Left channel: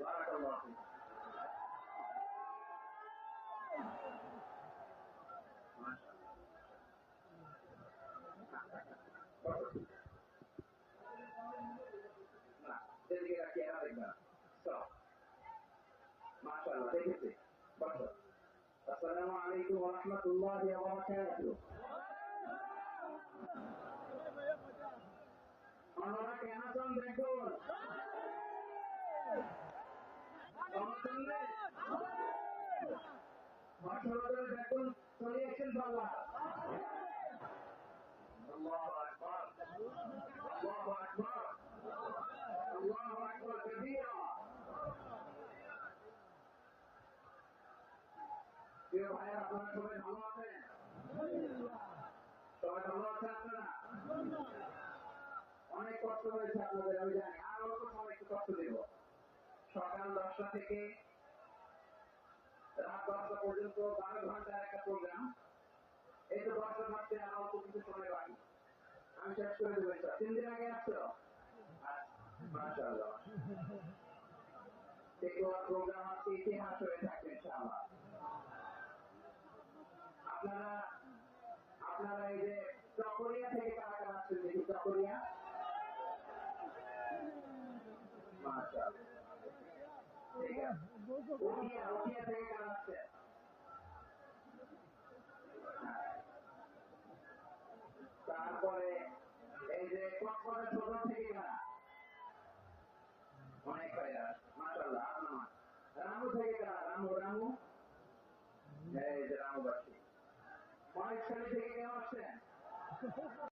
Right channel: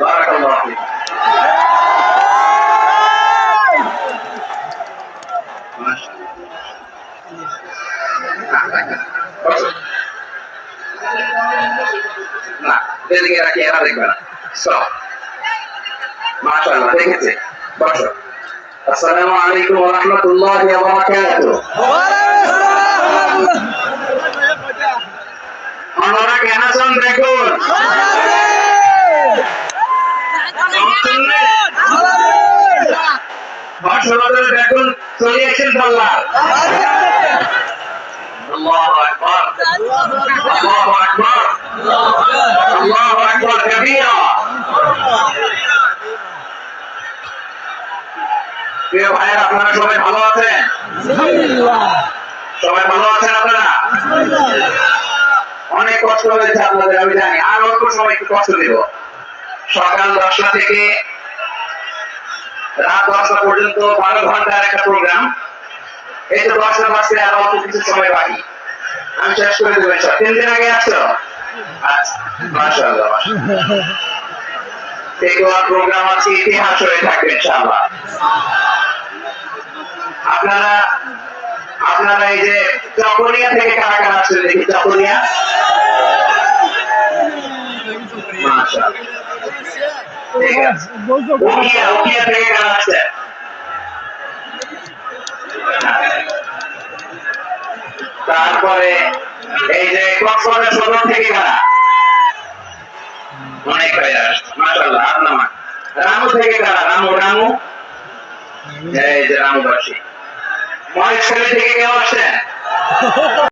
বারাকাল্লাহু ফিক। না এদিকে রাখি, এরা দেখবে না। মাশাআল্লাহ, দেখেছে। বসো। আসসালামু আলাইকুম ওয়া রাহমাতুল্লাহি ওয়া বারাকাতুহু। আপনারা কেন আছেন দেখুন। বর্ষবদলে দেখুন চলে আসেন পাল্লা। আল্লাহু আকবার, আল্লাহু আকবার, আল্লাহু আকবার কাবীরা। প্রিয় ভাইয়েরা, আপনারা সবাই ভালো আছেন? সবাই ভালো আছেন আপনারা? অনেক কষ্ট হয়েছে আপনাদের, আমি জানি। আর অল্প সময় একটু কষ্ট দেব। সকাল 10টা থেকে রাত 10টা পর্যন্ত 12 ঘন্টার একটা প্রোগ্রাম। এই তো 10টা বাজতে আর অল্প কিছু সময় বাকি, আমি শেষ করে দেবো। 3 দিন আগে আসছো? আচ্ছা, মাশাআল্লাহ। প্রোগ্রাম আছে, ইতিহাস হয়ে থাকবে ইনশাআল্লাহ। আপনারা এই যে চকরিয়া থেকে কারা কারা আসছেন দেখি। চকরিয়া, মাশাআল্লাহ, ঠিক আছে। উকিয়া থেকে কারা আসছেন? তারপরে এই যে কক্সবাজার সদর থেকে কারা? অনেক ভাইয়া, মাশাআল্লাহ। আপনার রামু থেকে কারা? রামু, এই যে রামুবাসী। মহেশখালী থেকে কেউ আসছে?